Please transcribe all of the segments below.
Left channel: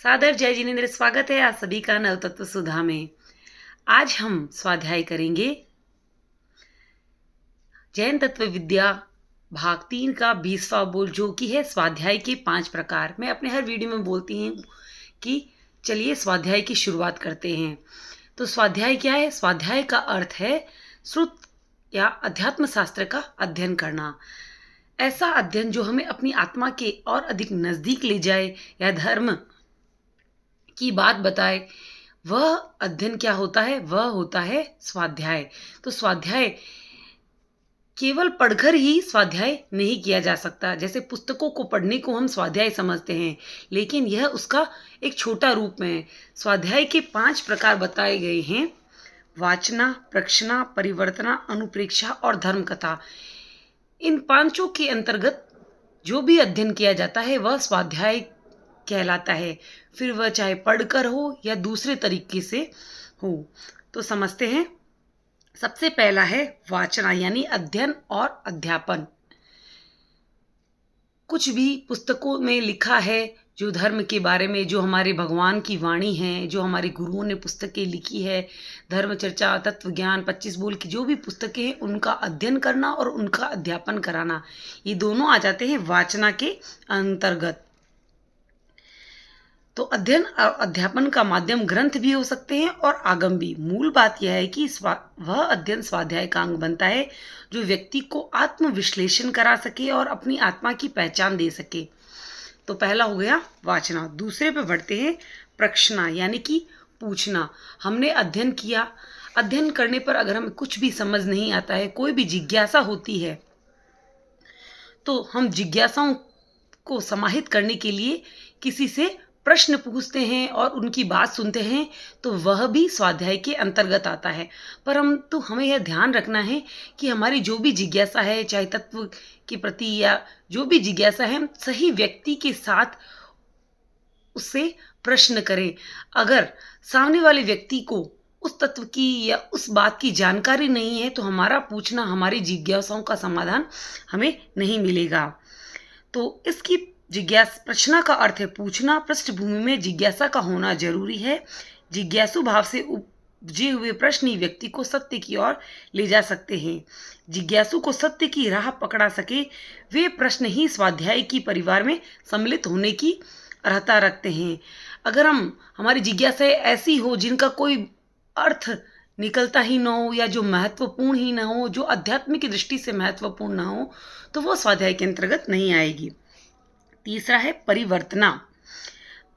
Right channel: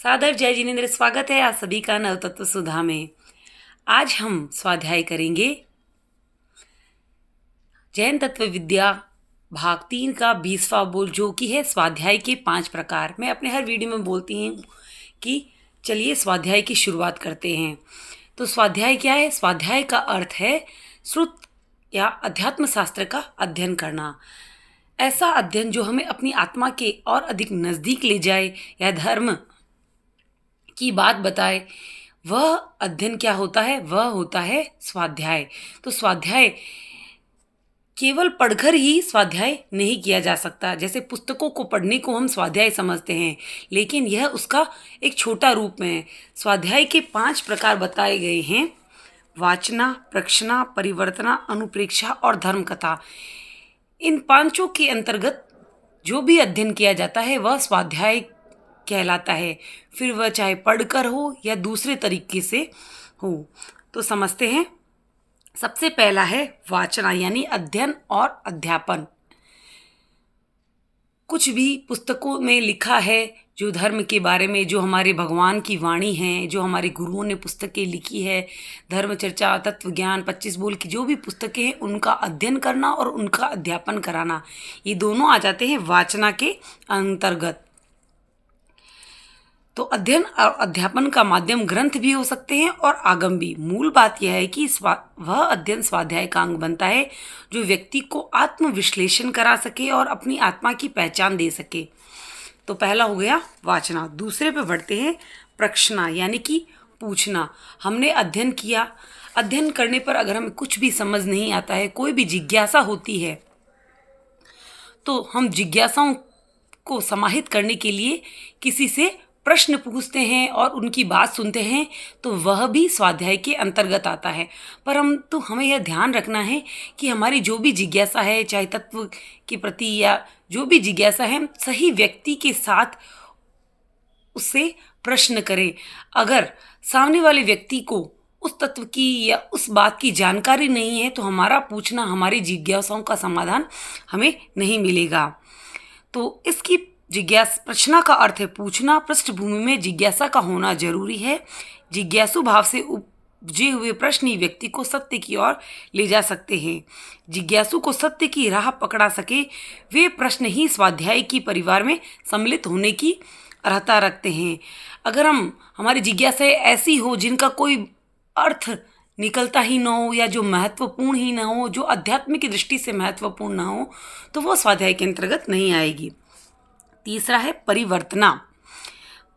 सादर जय जिनेन्द्र, स्वागत है आप सभी का नवतत्व सुधा में। आज हम स्वाध्याय करेंगे जैन तत्व विद्या भाग 3 का 20वां बोल, जो कि है स्वाध्याय के 5 प्रकार। मैं अपने हर वीडियो में बोलती हूँ कि चलिए स्वाध्याय की शुरुआत करते हैं। तो स्वाध्याय क्या है? स्वाध्याय का अर्थ है श्रुत या अध्यात्म शास्त्र का अध्ययन करना। ऐसा अध्ययन जो हमें अपनी आत्मा के और अधिक नज़दीक ले जाए या धर्म की बात बताए, वह अध्ययन क्या होता है? वह होता है स्वाध्याय। तो स्वाध्याय केवल पढ़कर ही स्वाध्याय नहीं किया जा सकता। जैसे पुस्तकों को पढ़ने को हम स्वाध्याय समझते हैं, लेकिन यह उसका एक छोटा रूप में है। स्वाध्याय के 5 प्रकार बताए गए हैं: वाचना, प्रक्षना, परिवर्तना, अनुप्रेक्षा और धर्म कथा। इन पांचों के अंतर्गत जो भी अध्ययन किया जाता है वह स्वाध्याय कहलाता है, फिर वह चाहे पढ़कर हो या दूसरे तरीके से हो। तो समझते हैं। सबसे पहला है वाचना, यानी अध्ययन और अध्यापन। कुछ भी पुस्तकों में लिखा है जो धर्म के बारे में, जो हमारे भगवान की वाणी है, जो हमारे गुरुओं ने पुस्तकें लिखी है, धर्म चर्चा, तत्व ज्ञान, 25 बोल की जो भी पुस्तकें हैं उनका अध्ययन करना और उनका अध्यापन कराना, ये दोनों आ जाते हैं वाचना के अंतर्गत। तो अध्ययन और अध्यापन का माध्यम ग्रंथ भी हो सकते हैं और आगम भी। मूल बात यह है कि वह अध्ययन स्वाध्याय का अंग बनता है जो व्यक्ति को आत्मविश्लेषण करा सके और अपनी आत्मा की पहचान दे सके। तो पहला हो गया वाचना। दूसरे पे बढ़ते हैं प्रश्ना, यानी कि पूछना। हमने अध्ययन किया, अध्ययन करने पर अगर हमें कुछ भी समझ नहीं आता है, कोई भी जिज्ञासा होती है, तो हम जिज्ञासाओं को समाहित करने के लिए किसी से प्रश्न पूछते हैं और उनकी बात सुनते हैं, तो वह भी स्वाध्याय के अंतर्गत आता है। पर हमें यह ध्यान रखना है कि हमारी जो भी जिज्ञासा है, चाहे तत्व के प्रति या जो भी जिज्ञासा है, सही व्यक्ति के साथ उससे प्रश्न करें। अगर सामने वाले व्यक्ति को उस तत्व की या उस बात की जानकारी नहीं है, तो हमारा पूछना, हमारी जिज्ञासाओं का समाधान हमें नहीं मिलेगा। तो इसकी प्रश्न का अर्थ है पूछना। पृष्ठभूमि में जिज्ञासा का होना जरूरी है। जिज्ञासु भाव से उपजे हुए प्रश्न ही व्यक्ति को सत्य की ओर ले जा सकते हैं। जिज्ञासु को सत्य की राह पकड़ा सके, वे प्रश्न ही स्वाध्याय की परिवार में सम्मिलित होने की अर्हता रखते हैं। अगर हमारी जिज्ञासाएं ऐसी हो जिनका कोई अर्थ निकलता ही ना हो, या जो महत्वपूर्ण ही ना हो, जो अध्यात्म की दृष्टि से महत्वपूर्ण ना हो, तो वो स्वाध्याय के अंतर्गत नहीं आएगी। तीसरा है परिवर्तना।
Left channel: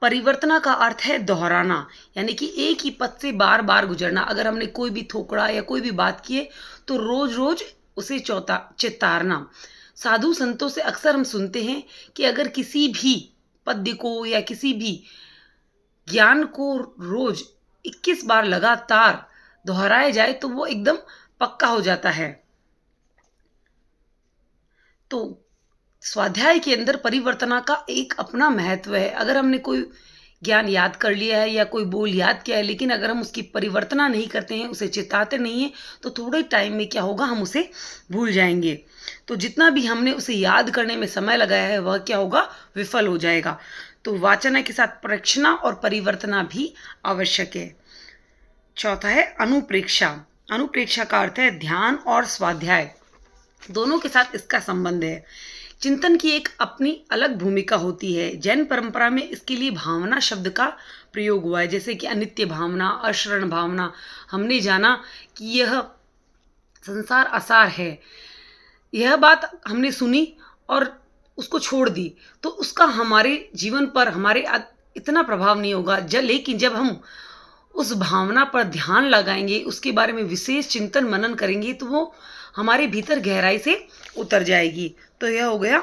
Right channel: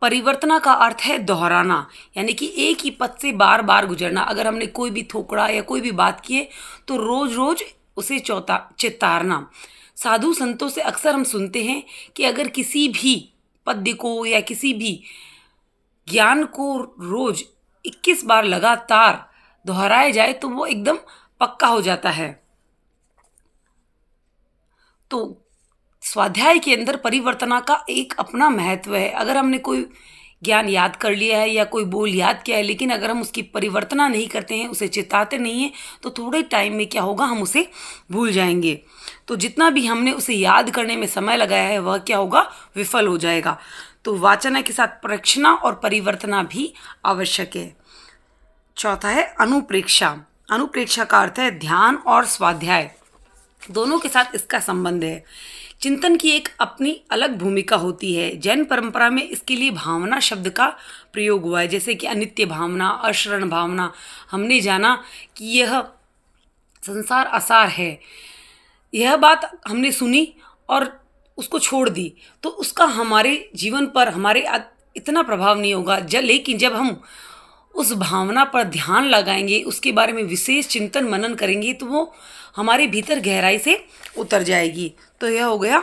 परिवर्तना का अर्थ है दोहराना, यानी कि एक ही पद से बार बार गुजरना। अगर हमने कोई भी थोकड़ा या कोई भी बात की है, तो रोज रोज उसे चितारना। साधु संतों से अक्सर हम सुनते हैं कि अगर किसी भी पद्य को या किसी भी ज्ञान को रोज 21 बार लगातार दोहराया जाए तो वो एकदम पक्का हो जाता है। तो स्वाध्याय के अंदर परिवर्तना का एक अपना महत्व है। अगर हमने कोई ज्ञान याद कर लिया है या कोई बोल याद किया है, लेकिन अगर हम उसकी परिवर्तना नहीं करते हैं, उसे चिताते नहीं हैं, तो थोड़े टाइम में क्या होगा, हम उसे भूल जाएंगे। तो जितना भी हमने उसे याद करने में समय लगाया है, वह क्या होगा, विफल हो जाएगा। तो वाचना के साथ प्रक्षना और परिवर्तना भी आवश्यक है। चौथा है अनुप्रेक्षा। अनुप्रेक्षा का अर्थ है ध्यान और स्वाध्याय दोनों के साथ इसका संबंध है। चिंतन की एक अपनी अलग भूमिका होती है। जैन परंपरा में इसके लिए भावना शब्द का प्रयोग हुआ है, जैसे कि अनित्य भावना, अशरण भावना। हमने जाना कि यह संसार असार है, यह बात हमने सुनी और उसको छोड़ दी, तो उसका हमारे जीवन पर हमारे इतना प्रभाव नहीं होगा। लेकिन जब हम उस भावना पर ध्यान लगाएंगे, उसके बारे में विशेष चिंतन मनन करेंगे, तो वो हमारे भीतर गहराई से उतर जाएगी। तो यह हो गया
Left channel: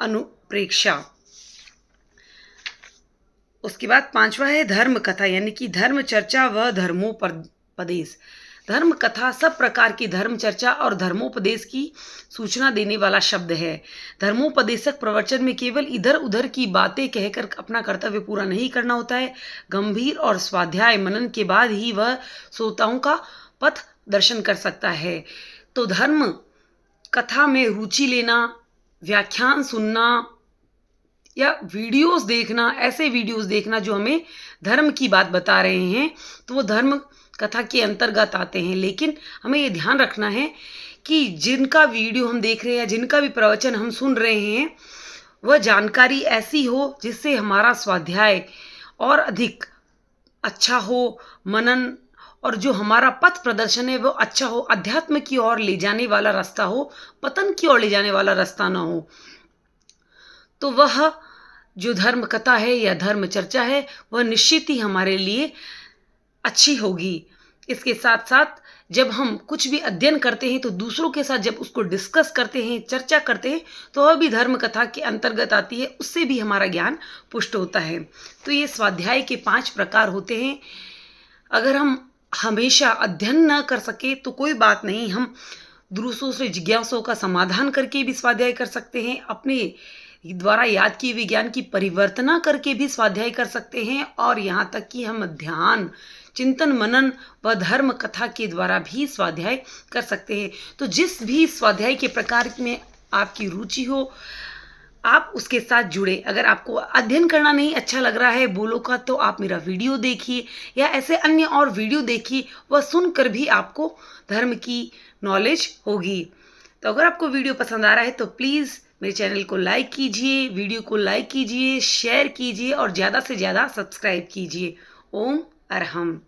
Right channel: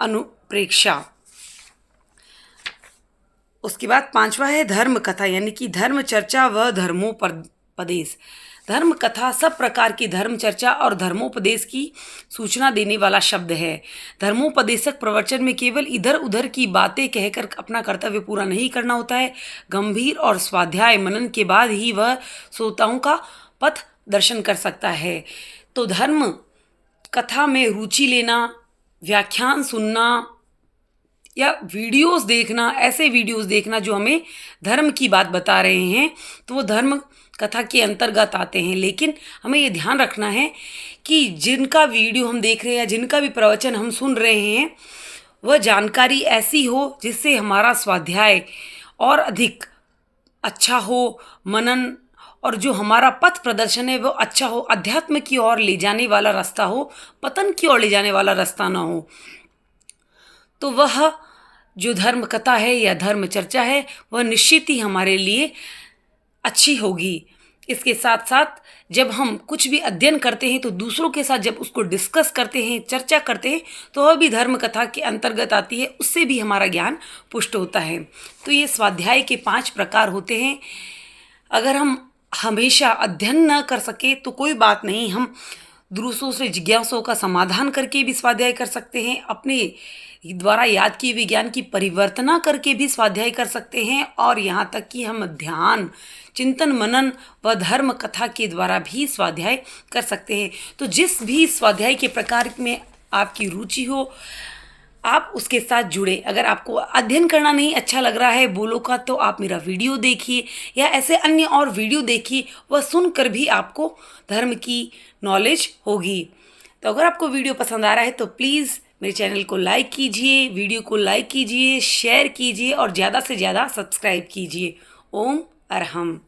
अनुप्रेक्षा। उसके बाद 5वां है धर्म कथा, यानी कि धर्म चर्चा व धर्मोपदेश। धर्म कथा सब प्रकार की धर्म चर्चा और धर्मोपदेश की सूचना देने वाला शब्द है। धर्मोपदेशक प्रवचन में केवल इधर उधर की बातें कहकर अपना कर्तव्य पूरा नहीं करना होता है। गंभीर और स्वाध्याय मनन के बाद ही वह श्रोताओं का पथ दर्शन कर सकता है। तो धर्म कथा में रुचि लेना, व्याख्यान सुनना, या वीडियोस देखना, ऐसे वीडियोस देखना जो हमें धर्म की बात बता रहे हैं, तो वो धर्म कथा के अंतर्गत आते हैं। लेकिन हमें ये ध्यान रखना है कि जिनका वीडियो हम देख रहे हैं या जिनका भी प्रवचन हम सुन रहे हैं, वह जानकारी ऐसी हो जिससे हमारा स्वाध्याय और अधिक अच्छा हो, मनन और जो हमारा पथ प्रदर्शन है वो अच्छा हो, अध्यात्म की ओर ले जाने वाला रास्ता हो, पतन की ओर ले जाने वाला रास्ता ना हो। तो वह जो धर्म कथा है या धर्म चर्चा है वह निश्चित ही हमारे लिए अच्छी होगी। इसके साथ साथ जब हम कुछ भी अध्ययन करते हैं तो दूसरों के साथ जब उसको डिस्कस करते हैं, चर्चा करते हैं, तो वह भी धर्म कथा के अंतर्गत आती है, उससे भी हमारा ज्ञान पुष्ट होता है। तो ये स्वाध्याय के 5 प्रकार होते हैं। अगर हम हमेशा अध्ययन न कर सके तो कोई बात नहीं, हम दूसरों से जिज्ञासाओं का समाधान करके भी स्वाध्याय कर सकते हैं, अपने द्वारा याद किए हुए ज्ञान की परिवर्तना करके भी स्वाध्याय कर सकते हैं, और यहाँ तक कि हम ध्यान, चिंतन, मनन व धर्म कथा के द्वारा भी स्वाध्याय कर सकते हैं। तो जिस भी स्वाध्याय के प्रकार में आपकी रुचि हो, आप उसके साथ जुड़े। अगर आपको अध्ययन करना नहीं अच्छा लग रहा है बोलो का, तो आप मेरा वीडियो देखिए या ऐसे अन्य और वीडियो देखिए, वह सुनकर भी आपको धर्म की नॉलेज होगी। तो अगर आपको वीडियो पसंद आ रहा है तो प्लीज़ मेरे चैनल को लाइक कीजिए, वीडियो को लाइक कीजिए, शेयर कीजिए और ज़्यादा से ज़्यादा सब्सक्राइब कीजिए। ओम अरहम।